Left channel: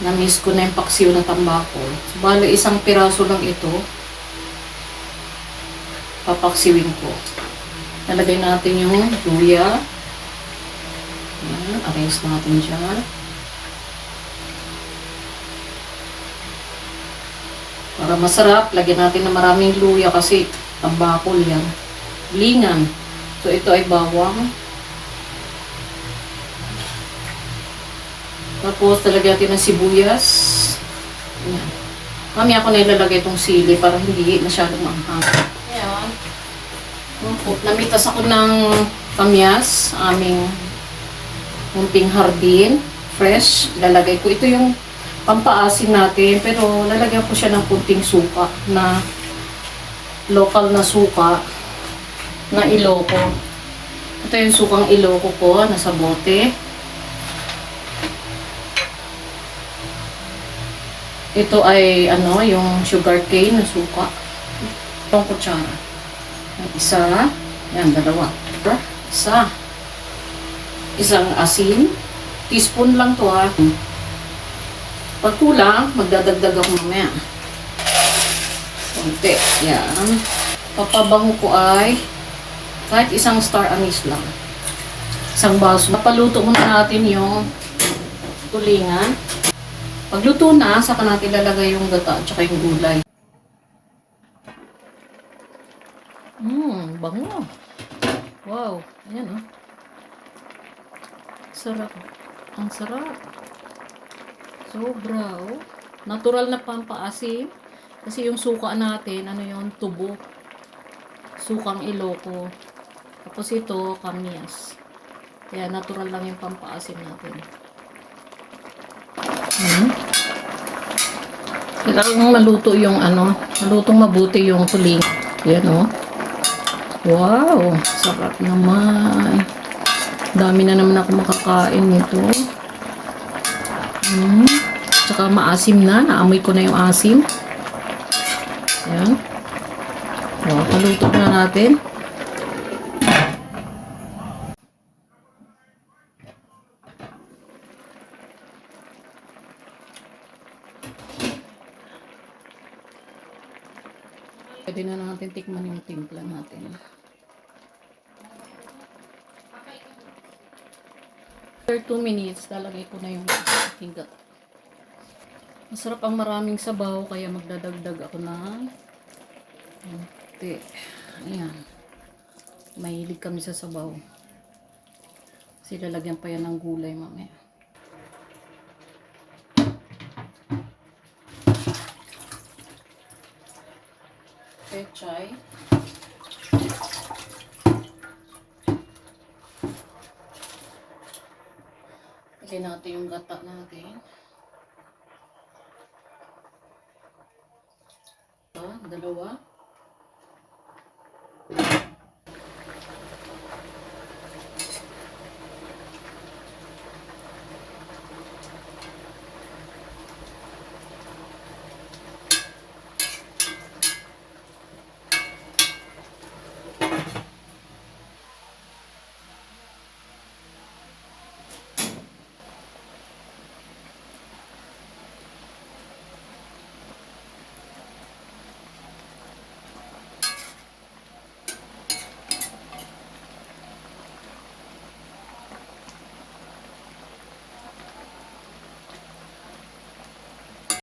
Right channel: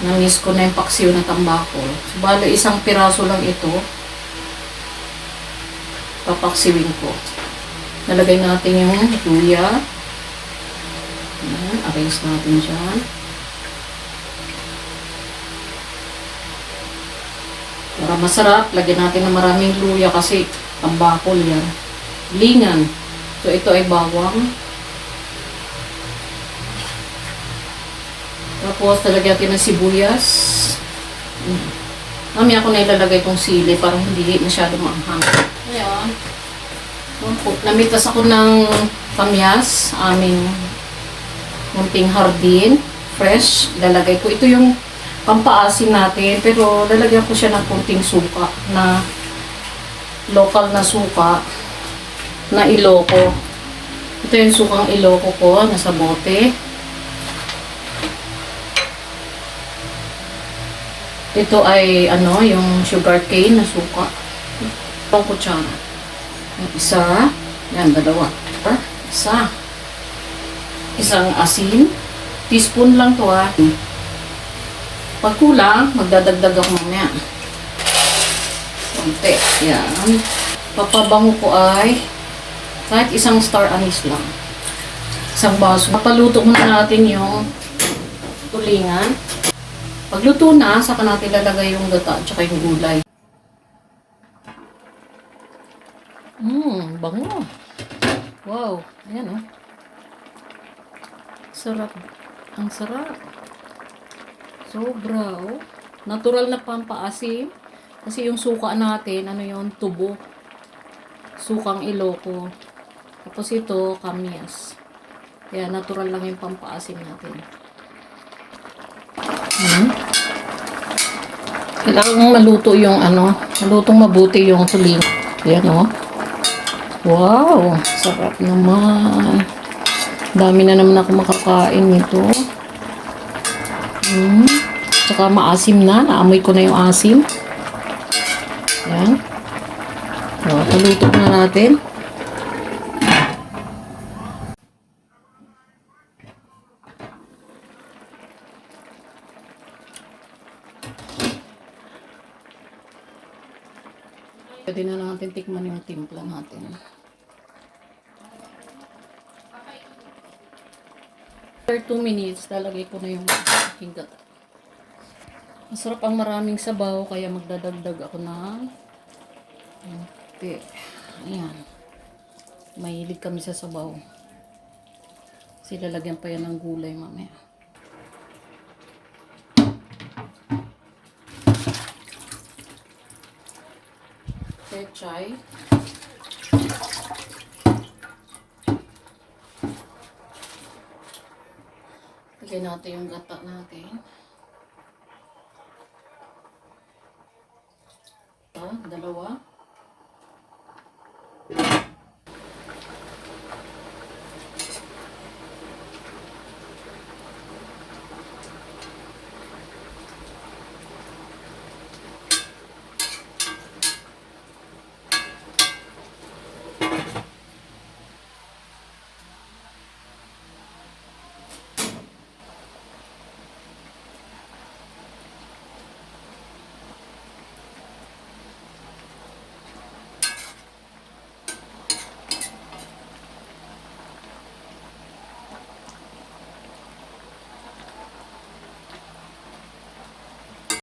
Na-miss ko na yung paksiw na tambako. So, balo isang piraso lang ito. Papaksiwin ko. Nalagay natin yung luya. Ayan, arrange natin dyan. Para masarap, lagyan natin ng maraming luya kasi tambakol yan. Lingan. So, ito ay bawang. Tapos, talagyan natin ng sibuyas. Mami, ako na ilalagay itong sili para hindi masyado maanghang. Ayan. Opo, namitas ako ng pamyas, aming munting hardin, fresh. Lalagay ko. Ito yung pampaasin natin, pero lalagyan ko siya ng kunting suka na local na suka na iloko. Ito yung sukang iloko ko, nasa bote. Ito ay ano, yung sugar cane na suka. Itong kutsara. Isa. Yan, dalawa. Isa. Isang asin. Teaspoon lang to ah. Pag kulang, magdadagdag ako mamaya. Konti. Yan. Papabango ko ay kahit isang star anise lang. Isang baso. Papaluto muna natin yung tulingan. Pagluto na, saka natin lalagay yung gata at saka yung gulay. Mmm, bango. Wow, ayan oh. Sarap. Ang sarap. Sobra oh. Natural na pampaasim. Kasi yung suka natin, ano yon tubo. Sukang iloko. Tapos ito, kamyas. Kaya natural lang yung pampaasim natin. Hmm. Kailangan maluto yung ano, malutong mabuti yung tuling. Yan oh. Wow, sarap naman. Dami na naman ako makakain nito. Hmm. Tsaka maasim na, naamoy ko na yung asim. Yan. Oh, paluto na natin. Pwede na natin tikman yung timpla natin. After 2 minutes, lalagay ko na yung aking gata. Masarap ang maraming sabaw, kaya magdadagdag ako ng konti. Ayan. Mahilig kami sa sabaw. Kasi lalagyan pa yan ng gulay mamaya. pechay. Lagyan natin yung gata natin. Ito, dalawa. Dalawa.